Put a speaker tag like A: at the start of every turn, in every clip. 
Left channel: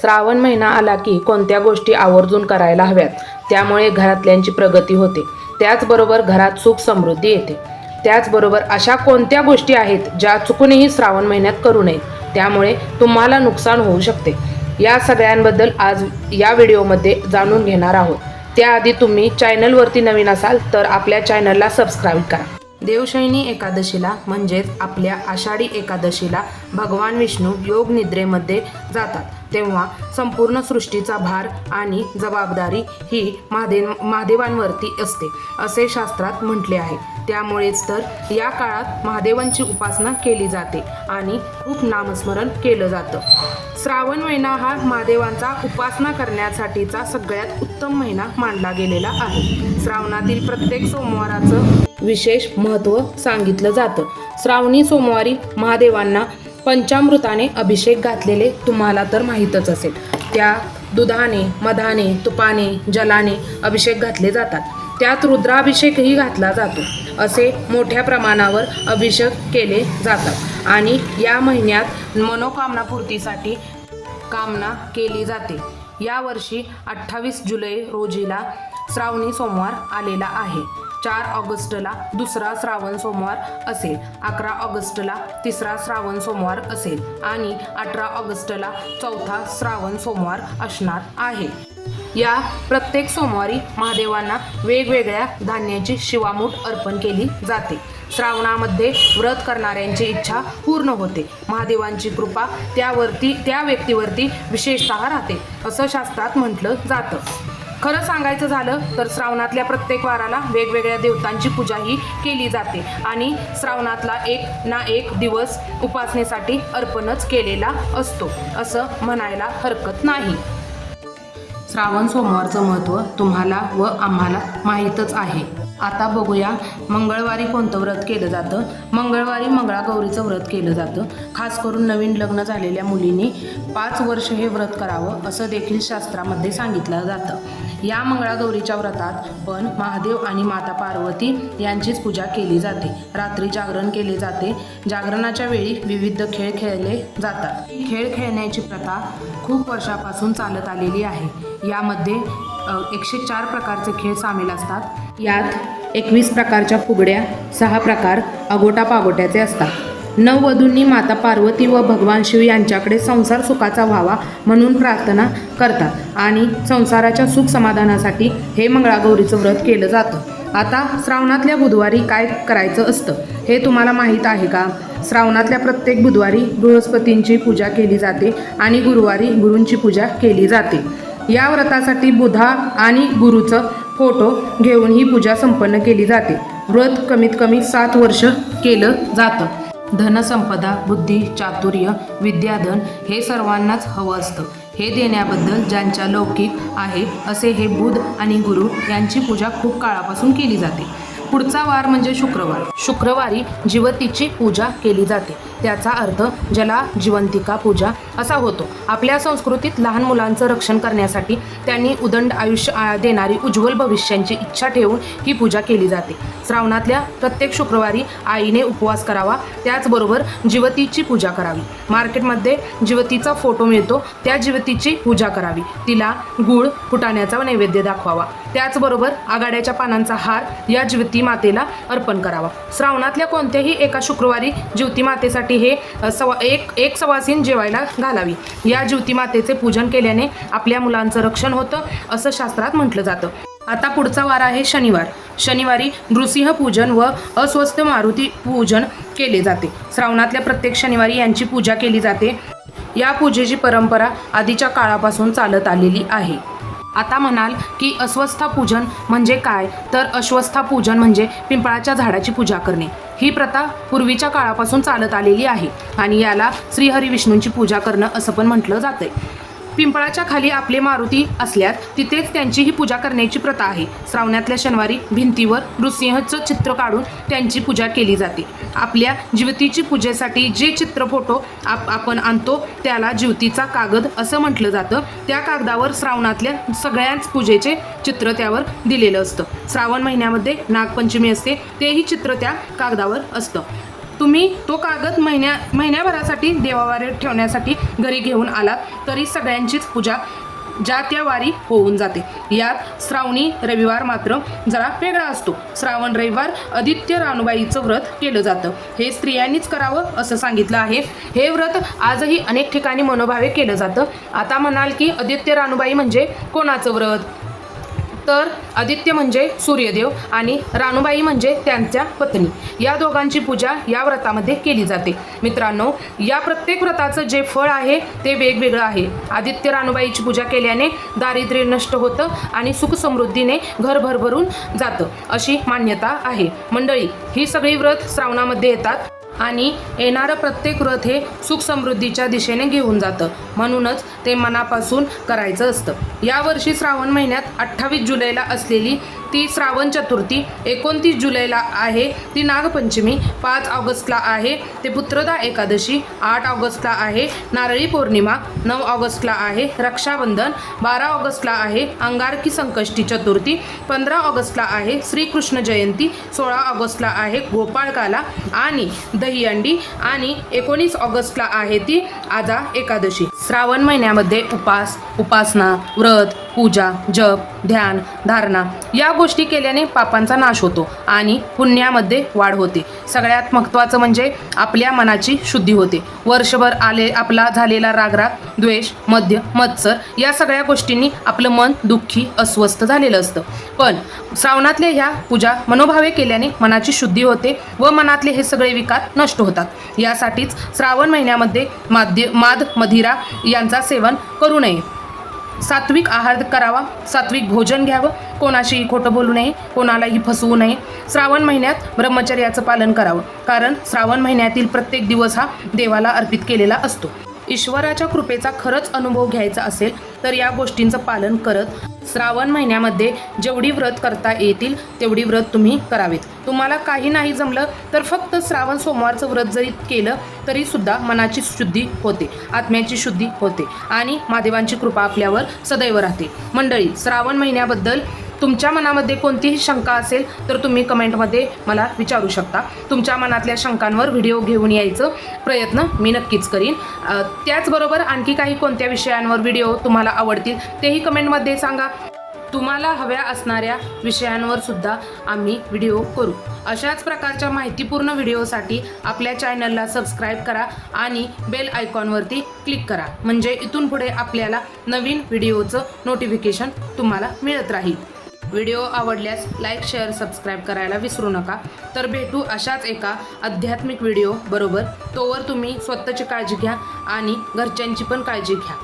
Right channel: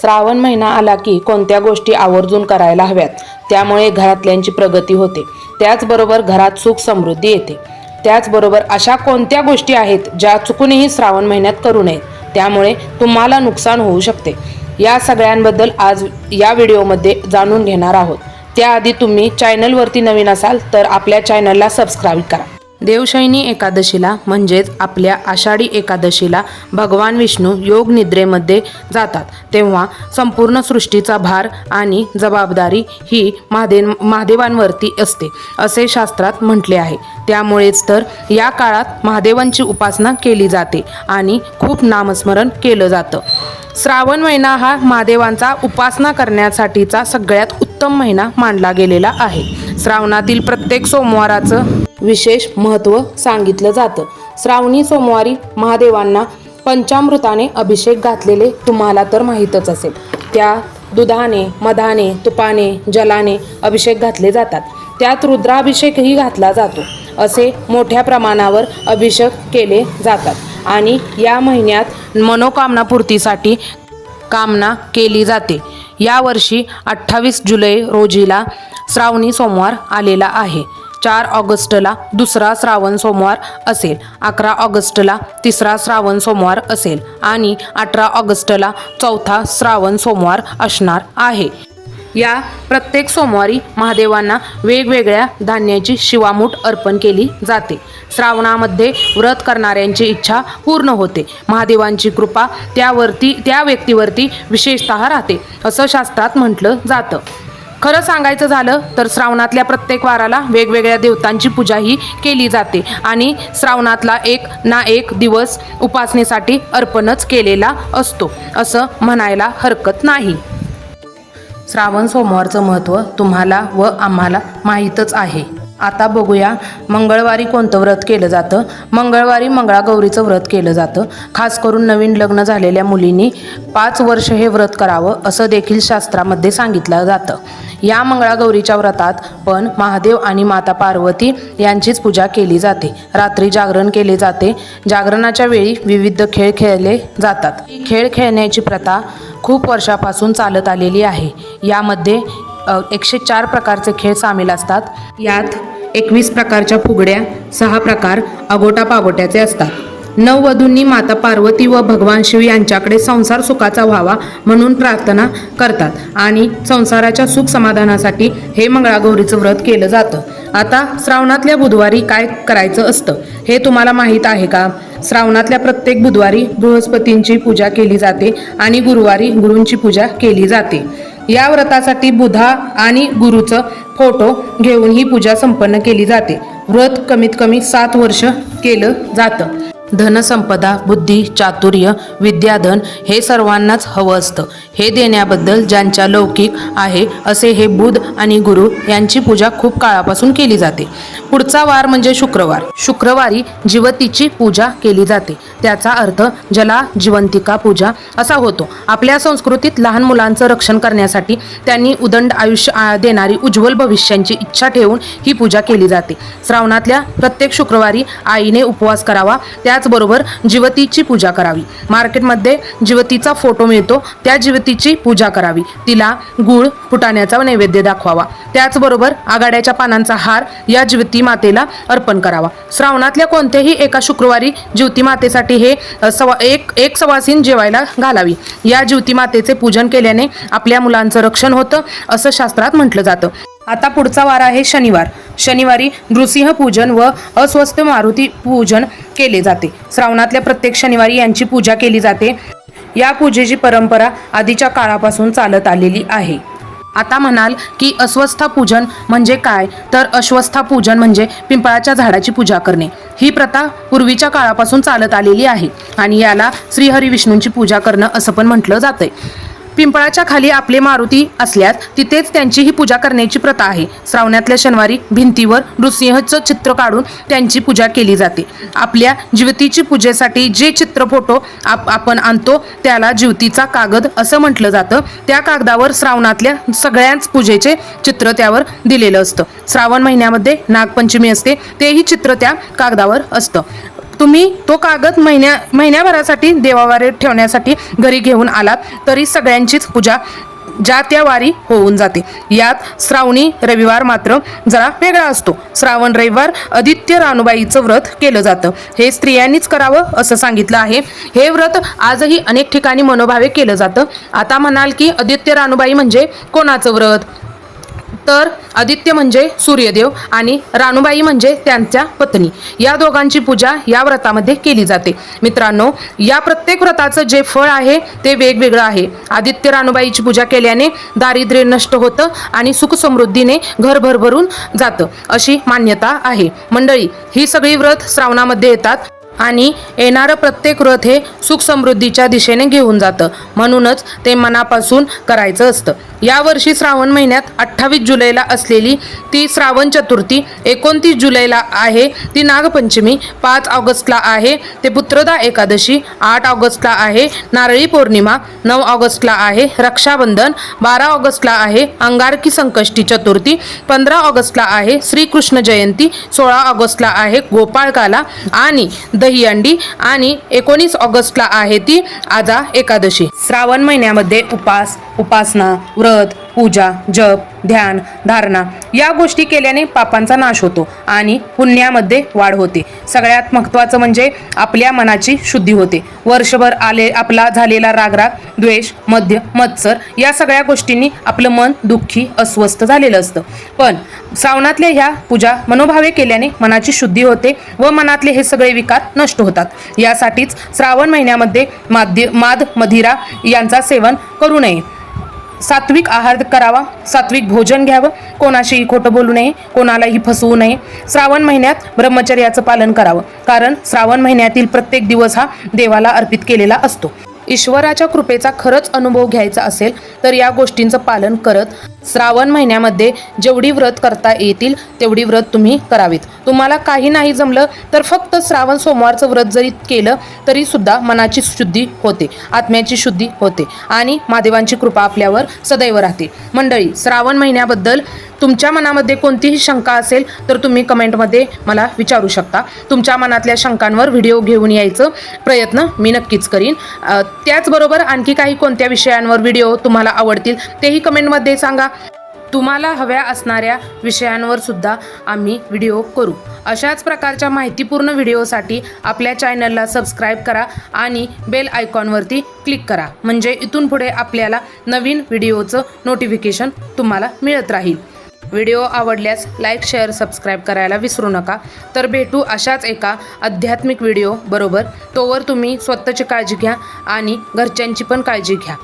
A: श्रावण महिना आला की कोणत्या गोष्टी आवर्जून करायला हव्यात त्यामुळे घरातल्यांची प्रगती होते. त्याचबरोबर घरात सुख समृद्धी येते. त्याचबरोबर अशा कोणत्या गोष्टी आहेत ज्या चुकूनही श्रावण महिन्यात करू नयेत त्यामुळे तुम्हाला नुकसान होऊ शकते. या सगळ्यांबद्दल आज या व्हिडिओमध्ये जाणून घेणार आहोत. त्याआधी तुम्ही चॅनलवरती नवीन असाल तर आपल्या चॅनलला सबस्क्राईब करा. देवशयनी एकादशीला म्हणजेच आपल्या आषाढी एकादशीला भगवान विष्णू योग निद्रेमध्ये जातात. तेव्हा संपूर्ण सृष्टीचा भार आणि जबाबदारी ही महादेव महादेवांवरती असते असे शास्त्रात म्हटले आहे. त्यामुळेच तर या काळात महादेवांची उपासना केली जाते आणि खूप नामस्मरण केलं जातं. श्रावण महिना हा महादेवांचा उपासना करण्यासाठीचा सगळ्यात उत्तम महिना मानला गेलेला आहे. श्रावणातील प्रत्येक सोमवाराचं विशेष महत्त्व सांगितलं जातं. श्रावणी सोमवारी महादेवांना पंचामृताने अभिषेक घातलेले तुम्हाला तर माहीतच असेल. त्या दुधाने मधाने तुपाने जलाने अभिषेक घातले जातात. त्यात रुद्राभिषेकही घातला जातो. असे मोठ्या प्रमाणावर अभिषेक केले जातात. आणि या महिन्यात मनोकामनापूर्तीसाठी कामना केली जाते. यावर्षी अठ्ठावीस जुलै रोजीला श्रावणी सोमवार आलेला आहे. चार ऑगस्टला दुसरा श्रावण सोमवार असेल. अकरा ऑगस्टला तिसरा श्रावण सोमवार असेल आणि अठरा ऑगस्टला चौथा श्रावण सोमवार असणार आहे. या प्रत्येक सोमवारी महादेवांना वेगवेगळ्या धान्याची शिवामूठ अर्पण केली जाते. श्रावणामध्ये व्रत करणाऱ्यांची इच्छा पूर्ण होते. महादेवांची कृपा त्यावरती त्या व्यक्तीवरती विशेषतः राहते असं शास्त्रात म्हटलं जातं. खरं सांगायचं झालं तर श्रावणातल्या प्रत्येक वाराला वेगवेगळ्या देवतांची पूजाही केली जाते. आणि श्रावणातला एक ना एक दिवस उपासनेसाठी अर्पणच केलेला असतो. असं म्हणायला हरकत नाही. श्रावण सोमवारचं महत्त्व तुम्हाला व आम्हाला माहीतच आहे. आता बघूया मंगळवारी कोणतं व्रत केलं जातं? मंगळवारी मंगळागौरीचं व्रत केलं जातं. खास करून नवीन लग्न झालेल्या मुलींनी पाच वर्ष हे व्रत करावं असं देखील शास्त्रामध्ये सांगितलं जातं. या मंगळागौरीच्या व्रतात पण महादेव आणि माता पार्वती यांचीच पूजा केली जाते. रात्री जागरण केले जाते. जागरणाच्या वेळी विविध खेळ खेळले जातात. खेळ खेळण्याची प्रथा खूप वर्षापासून चालत आलेली आहे. यामध्ये एकशे चार प्रकारचे खेळ सामील असतात. यात एकवीस प्रकारच्या फुगड्या सहा प्रकार अगोटा पागोट्याचे असतात नववधूंनी माता पार्वती व भगवान शिव यांच्याकडे संसार सुखाचा व्हावा म्हणून प्रार्थना करतात आणि संसाराच्या सुख समाधानासाठी हे मंगळागौरीचं व्रत केलं जातं. आता श्रावणातल्या बुधवारी काय करायचं असतं हे तुम्हाला माहीत आहे का? श्रावणातल्या प्रत्येक बुधवारी बृहस्पतींची पूजा केली जाते आणि गुरुवारी गुरूंची पूजा केली जाते. या व्रतासाठी बुधा आणि गुरुचं फोटो घेऊन ही पूजा संपन्न केली जाते. व्रत कमीत कमी सात वर्ष केलं जातं. धनसंपदा बुद्धी चातुर्य विद्याधन हे सर्वांनाच हवं असतं. हे देण्याबद्दल ज्यांच्या लौकिक आहे असे हे बुध आणि गुरु यांची पूजा खूप काळापासून केली जाते. पुढचा वार म्हणजे शुक्रवार. शुक्रवारी जिवतीची पूजा केली जाते. त्याचा अर्थ जला जिवंतिका पूजा असा होतो. आपल्या संस्कृतीत लहान मुलांचं रक्षण करण्यासाठी त्यांनी उदंड आयुष्य देणारी उज्ज्वल भविष्यांची इच्छा ठेवून ही पूजा केली जाते. श्रावणातल्या प्रत्येक शुक्रवारी आईने उपवास करावा. त्याचबरोबर जिवतीची पूजा करावी. मार्केटमध्ये जिवतीचा फोटो मिळतो त्या जिवतीची पूजा करावी. तिला गुळ फुटाण्याचा नैवेद्य दाखवावा. त्याचबरोबर आघाड्याच्या पानांचा हार या जिवती मातेला अर्पण करावा. श्रावणातल्या कोणत्याही एका शुक्रवारी ज्योती मातेसाठी हे सवा एक एक सवासीन जेवायला घालावी. या ज्योती मातेचे पूजन केल्याने आपल्या मुलांचं रक्षण होतं असं शास्त्रात म्हटलं जातं. आता पुढचा वार आहे शनिवार. शनिवारी नृसिंह पूजन व अस्वस्थ मारुती पूजन केले जाते. श्रावणातल्या प्रत्येक शनिवारी यांची पूजा केली जाते. या पूजेची परंपरा आधीच्या काळापासून चालत आलेली आहे. आता म्हणाल की अस्वस्था पूजन म्हणजे काय? तर अश्वस्था पूजन म्हणजे पिंपळाच्या झाडाची पूजा करणे. ही प्रथा पूर्वीच्या काळापासून चालत आलेली आहे आणि याला श्रीहरी विष्णूंची पूजा करणं असं पण म्हटलं जातंय. पिंपळाच्या खाली आपले मारुती असल्यास तिथेच त्यांची ही पूजा करण्याची प्रथा आहे. श्रावणातल्या शनिवारी भिंतीवर नृसिंहचं चित्र काढून त्यांची पूजा केली जाते. आपल्या ज्योतीची पूजेसाठी जे चित्र फोटो आप आपण आणतो त्याला जीवतीचा कागद असं म्हटलं जातं. त्या कागदावर श्रावणातल्या सगळ्याच पूजेचे चित्र त्यावर दिलेलं असतं. श्रावण महिन्यामध्ये नागपंचमी असते तेही चित्र त्या कागदावर असतं. तुम्ही तो कागद महिन्या महिन्याभरासाठी देवावारे ठेवण्यासाठी घरी घेऊन आलात तरी सगळ्यांचीच पूजा ज्या त्या वारी होऊन जाते. यात श्रावणी रविवार मात्र जरा वेगळा असतो. श्रावण रविवार आदित्य रानुबाईचं व्रत केलं जातं. हे स्त्रियांनीच करावं असं सांगितलं आहे. हे व्रत आजही अनेक ठिकाणी मनोभावे केलं जातं. आता म्हणाल की आदित्य रानुबाई म्हणजे कोणाचं व्रत? तर आदित्य म्हणजे सूर्यदेव आणि राणूबाई म्हणजे त्यांच्या पत्नी. या दोघांची पूजा या व्रतामध्ये केली जाते. मित्रांनो या प्रत्येक व्रताचं जे फळ आहे ते वेगवेगळं आहे. आदित्य राणूबाईची पूजा केल्याने दारिद्र्य नष्ट होतं आणि सुख समृद्धीने घर भरभरून जातं अशी मान्यता आहे. मंडळी ही सगळी व्रत श्रावणामध्ये येतात. आणि येणारं प्रत्येक व्रत हे सुखसमृद्धीच्या दिशेने घेऊन जातं. म्हणूनच ते मनापासून करायचं असतं. यावर्षी श्रावण महिन्यात अठ्ठावीस जुलैला असलेली ती श्रावण चतुर्थी एकोणतीस जुलैला आहे. ती नागपंचमी पाच ऑगस्टला आहे. ते पुत्रदा एकादशी आठ ऑगस्टला आहे. नारळी पौर्णिमा नऊ ऑगस्टला आहे. रक्षाबंधन बारा ऑगस्टला आहे. अंगारकी संकष्टी चतुर्थी पंधरा ऑगस्टला आहे. श्रीकृष्ण जयंती सोळा ऑगस्टला आहे. गोपाळकाला आणि द दहीहंडी आणि एकोणीस ऑगस्टला आहे ती. आजा एकादशी. श्रावण महिन्यामध्ये उपास उपासना व्रत पूजा जप ध्यान धारणा या गोष्टी केल्याने पापांचा नाश होतो आणि पुण्यामध्ये वाढ होते. सगळ्यात महत्त्वाचं म्हणजे आपल्या मनाची शुद्धी होते. वर्षभर आले आपला झालेला रागराग द्वेष मध्य मत्सर या सगळ्या गोष्टींनी आपलं मन दुःखी अस्वस्थ झालेलं असतं. पण श्रावणातल्या ह्या पूजा मनोभावे केल्याने मनाची शुद्धी होते व मनातले हे सगळे विकार नष्ट होतात. यासाठीच श्रावण महिन्यामध्ये माध्य माद मदिरा यांचा सेवन करू नये. सात्विक आहार करावा सात्विक भोजन घ्यावं. कोणाशीही खोटं बोलू नये कोणालाही फसवू नये. श्रावण महिन्यात ब्रह्मचर्याचं पालन करावं. कारण श्रावण महिन्यातील प्रत्येक दिवस हा देवाला अर्पित केलेला असतो. ईश्वराच्या कृपेचा खरंच अनुभव घ्यायचा असेल तर या गोष्टींचं पालन करत श्रावण महिन्यामध्ये जेवढी व्रत करता येतील तेवढी व्रत तुम्ही करावीत. तुम्हाला काही नाही जमलं तर फक्त श्रावण सोमवारचं व्रत जरी केलं तरी सुद्धा मनाची शुद्धी होते आत्म्याची शुद्धी होते आणि महादेवांची कृपा आपल्यावर सदैव राहते. मंडळी श्रावण महिन्याबद्दल तुमच्या मनामध्ये कोणतीही शंका असेल तर तुम्ही कमेंटमध्ये मला विचारू शकता. तुमच्या मनातल्या शंकांवर व्हिडिओ घेऊन यायचं प्रयत्न मी नक्कीच करीन. त्याचबरोबर आणखी काही कोणत्या विषयांवर व्हिडिओ तुम्हाला आवडतील तेही कमेंटमध्ये सांगा. तुम्हाला हव्या असणाऱ्या विषयांवर सुद्धा आम्ही व्हिडिओ करू. अशाच प्रकारच्या माहितीपूर्ण व्हिडिओसाठी आपल्या चॅनलला सबस्क्राईब करा आणि बेल आयकॉनवरती क्लिक करा. म्हणजे इथून पुढे आपल्याला नवीन व्हिडिओचं नोटिफिकेशन तुम्हाला मिळत राहील. व्हिडिओ आवडल्यास लाईक शेअर सबस्क्राईब करायला विसरू नका. तर भेटू अशाच एका आध्यात्मिक व्हिडिओ बरोबर. तोवर तुम्ही स्वतःची काळजी घ्या आणि घरच्यांची पण काळजी घ्या.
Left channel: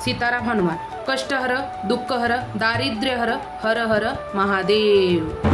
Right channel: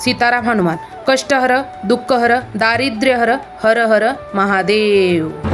A: सीताराम हनुमान. कष्टहर दुःखहर दारिद्र्यहर हर हर महादेव.